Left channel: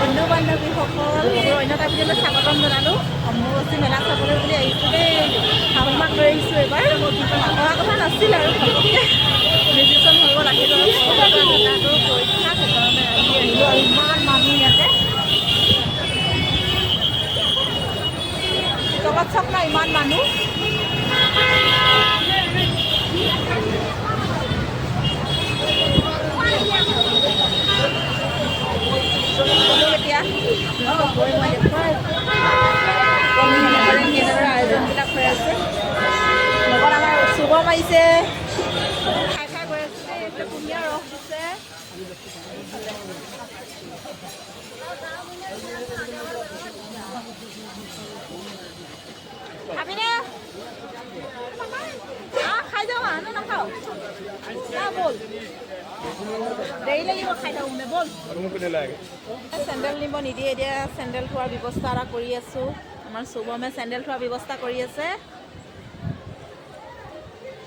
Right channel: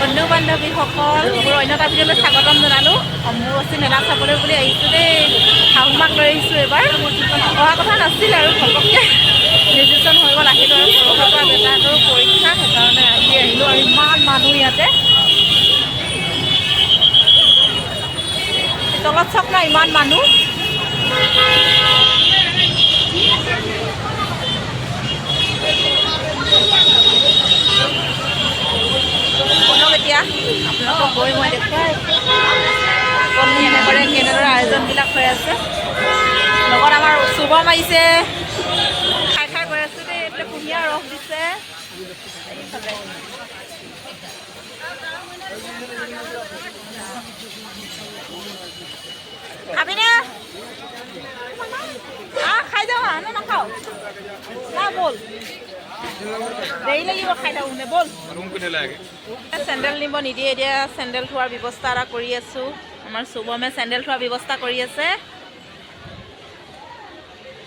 বন্ধু বান্ধৱীসকল মোৰ অন্য এটা ভিডিঅ'লৈ স্বাগতম জনালোঁ। অম্বুবাচী মেলা চাবলৈ বুলি আহিছোঁ দেই। শাহুমাক লৈ আহিছোঁ এইবাৰ। অহা কথা নাছিল আৰু ঘপককৈ ডিচিশ্যন হৈ গ'ল আহিলোঁ আৰু পৰহিৰ পৰা দেউতাহঁতৰো পৰীক্ষা সেইকাৰণে আজি আহিলোঁ আৰু ইমান মানুহ ইয়াতে তলত চক নাই ইমান মানুহ। বলক এতিয়া আপোনালোকক গৈ মই দেখুৱাই কণী কেনেদৰে আয়োজনবিলাক হৈ আছে। লগত আমাৰ শুভম আহিছে খাই খাই গৈ আছোঁ দেই। এইফালে কুঁহিয়াৰ ৰস দিছে। খাবিনে? খাই যাওঁ নে নাখাওঁ? বল দেৰি লাগিব খাই থাকোঁ নে বল। চেণ্ডেল নিব নিদিয়ে এতিয়া চেণ্ডেল থোৱাৰ ব্যৱস্থা এটা কৰি আছোঁ। আমাৰ শুভমে চেণ্ডেল থোৱাৰ ব্যৱস্থা কৰি আছে।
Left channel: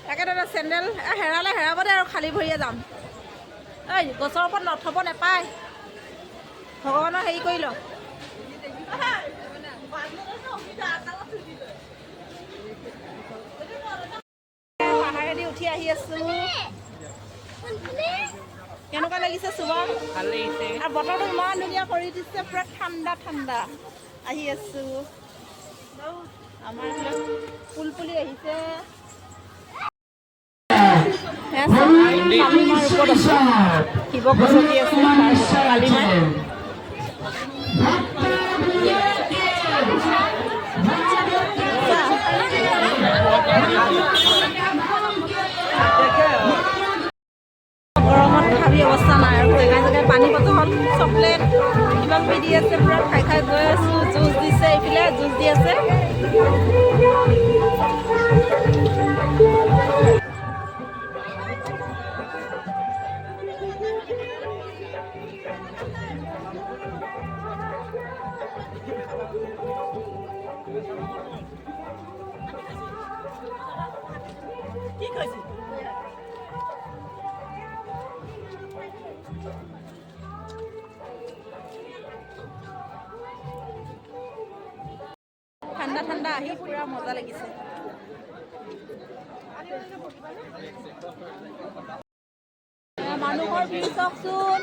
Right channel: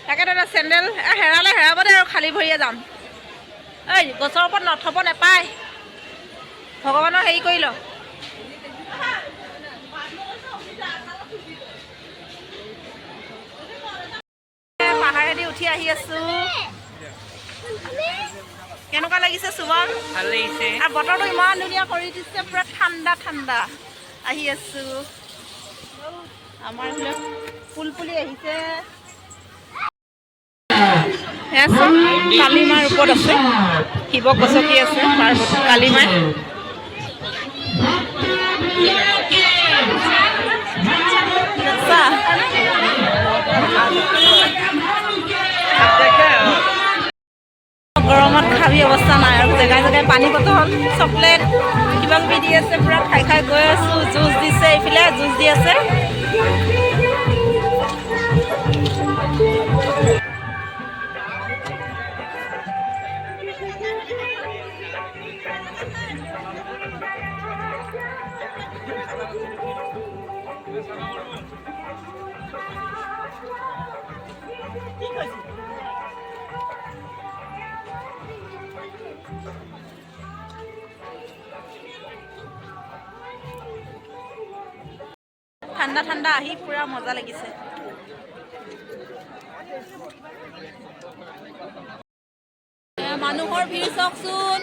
তাকে দাদা চেণ্ডেল হেৰালে হেৰাব দে আৰু খালী ভৰিয়ে যাম। এই গছৰ ওপৰত নথব নাপায়। ভগৱানৰ হেৰি কৰি ল। পাহাৰেদি উঠি আহি আছোঁ। কেনেকুৱা লাগিছে শুভম? ভাল লাগিছে। আৰু বতৰটো ইমান ধুনীয়া কৰি দিছে পুৰা ঠাণ্ডা ঠাণ্ডা। আহি আছোঁ আমাৰ ফুলপুলি আহিছে। সেয়া চব কালিমাৰ ওপৰত আছে। শিৱ গছকি আছে পাৰ্বতী কালিমাই। গৰমত খাবি অৱস্থা নাই আৰু জেগাই জেগাই পানী বটল চকলেট কিবা কিবি দি আছে। পুৰা খাই খাই গৈ আছোঁ। জুচ দিছে এইফালে জুচ দি আছে। ঠাণ্ডা ঠাণ্ডা আহি পুৰা মজা লাগিছে। মানুহৰ ভিৰ চাওকচোন।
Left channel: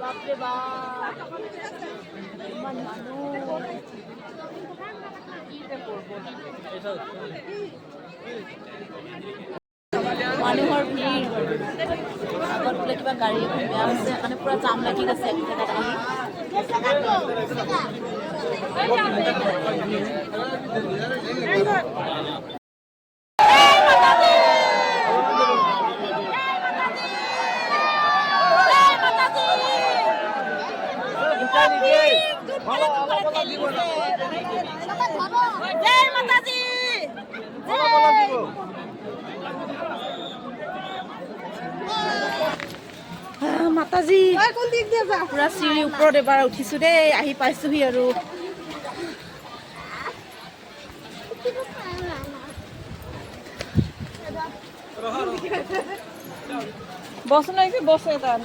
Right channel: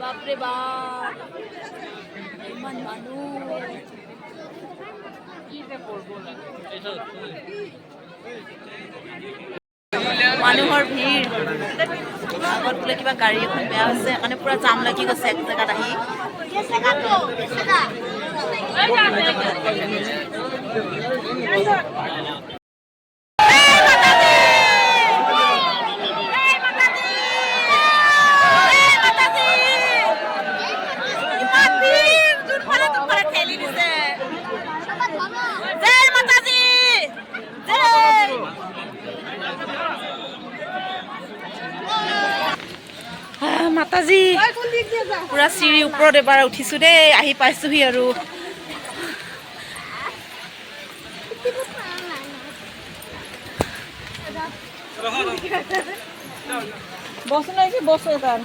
বাপৰে বাপ ইমান মানুহ। মানুহৰ ভিৰ। আগত বোলে কিবা গাড়ী এখন বেয়া হৈছে সেইকাৰণে পুৰা জাম লাগি গৈছে এক জেগাত আহি। মাতাজী পুৰা চিৰি ওপৰত এবাৰ উঠিছোঁ দেই। আহি পাইছোহি আৰু বস নাই কি বস এটাৰ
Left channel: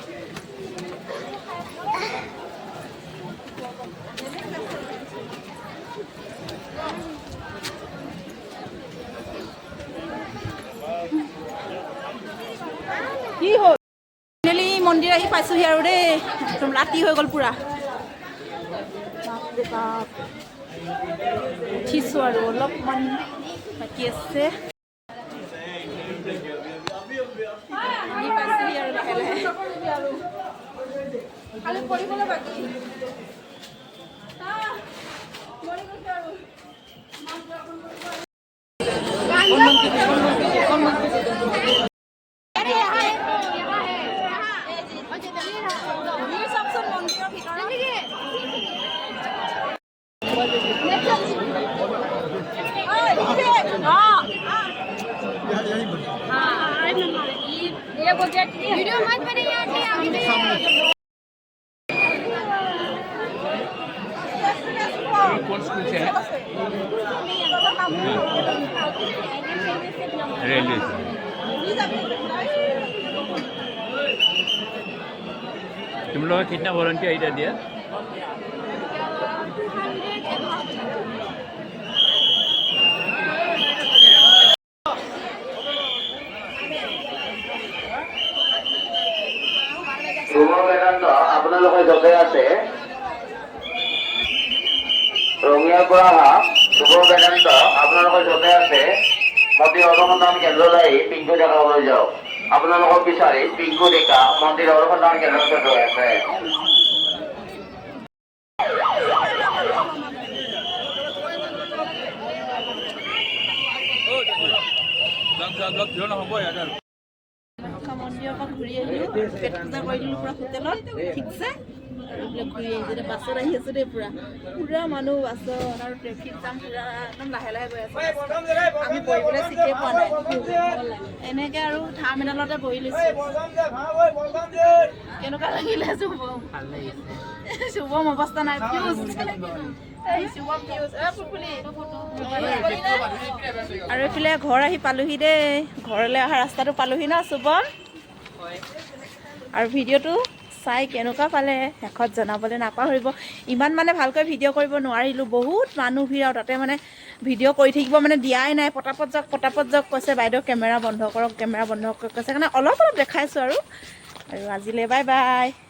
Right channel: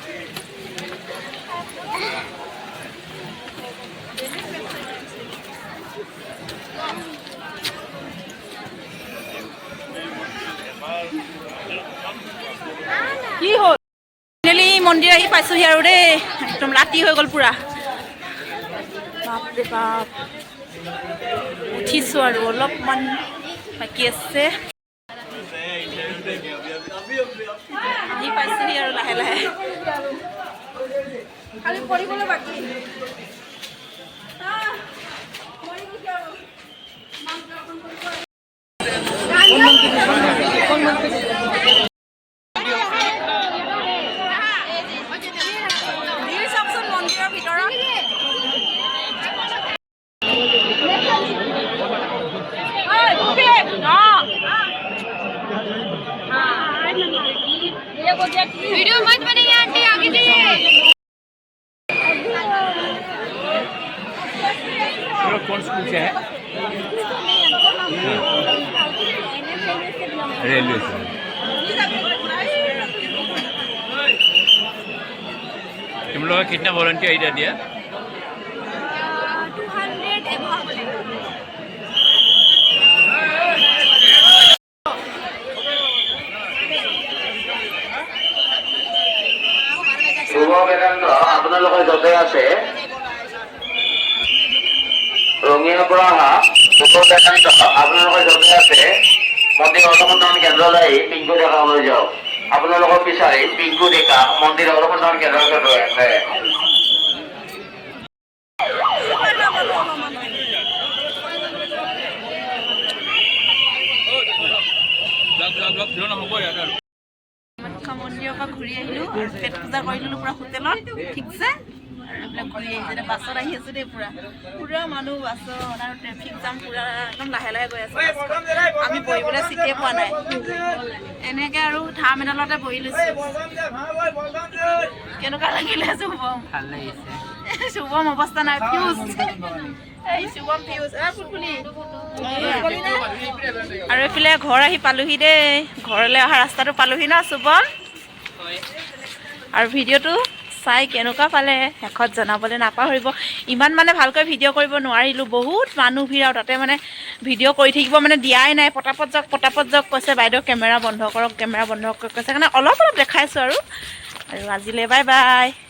কি হল মন্দিৰ আহি পাইছোহি আৰু দেই। একদম ৰাতি হৈ গ'ল পুৰা। বাপৰে বাপ উঠিছোঁ আৰু অলপমান বাকী আছে। আহি পাইছোহি আৰু লাহে লাহে। वीडियो मत बनाइए आंटी आगे जाइए कौन स्कूल से है रेलवे से तुम लोग कितना वॉलंटियर इधर दिया 200 above শুভ বেদান্ত আপোনালোকৰ য'তে আছে ৰঙিয়াৰ পৰা অহা শুভ বেদান্ত আপোনালোকৰ য'তে আছে মন্দিৰ অনুসন্ধান কেন্দ্ৰলৈ আহি পিংকু ডেকালৈ যাওক আপোনালোকৰ বিচাৰি পিংকু ডেকা মন্দিৰ অনুসন্ধান কেন্দ্ৰতে ৰৈ আছে কামাখ্যা মন্দিৰৰ পৰা ঘূৰি আহিলোঁ আৰু পেট পূজা কৰি দিলোঁ পূৰা হোটেলত ঠিকছে আৰু এইবিলাক ঘূৰি আহিছোঁ এতিয়া বাছত আহি আছোঁ দেই পূৰা মানুহ বাছত আৰু ট্ৰেফিক জাম পূৰা একদম লাহে লাহে গৈ আছে আমি বহিবলৈ চিটেই পোৱা নাই এনেকৈ আৰু ধাম এডালতে বহি লৈছোঁ কেনেকুৱা লাগিলে শুভম ভাল লাগিছে শুভম অৱস্থা নাই ফিউজ এই শুভম ফিউজ আৰু এইফালে ঘৰ আহি পালোহি দেই ঘৰলৈ অহা ৰাস্তাটো পালোহি ন শুভম আৰু ভিডিঅ'টো চাই কেনেকুৱা পালে শেষত জনাবলৈ নাপাহৰিব ইমান মানে ভালকৈ ভিডিঅ' কৰিব নোৱাৰিলোঁ বহুত মানুহ ভিৰ আৰু তাতে মানে ভিডিঅ' কৰি থাকিব মানে দিয়াই নাই পটাপট যাওক কৈছে বাইদেউ কেমেৰা বন্ধ কৰক কৈছে সেইকাৰণে অলপ দেখাইছোঁ আৰু আজিলৈ বাই বাই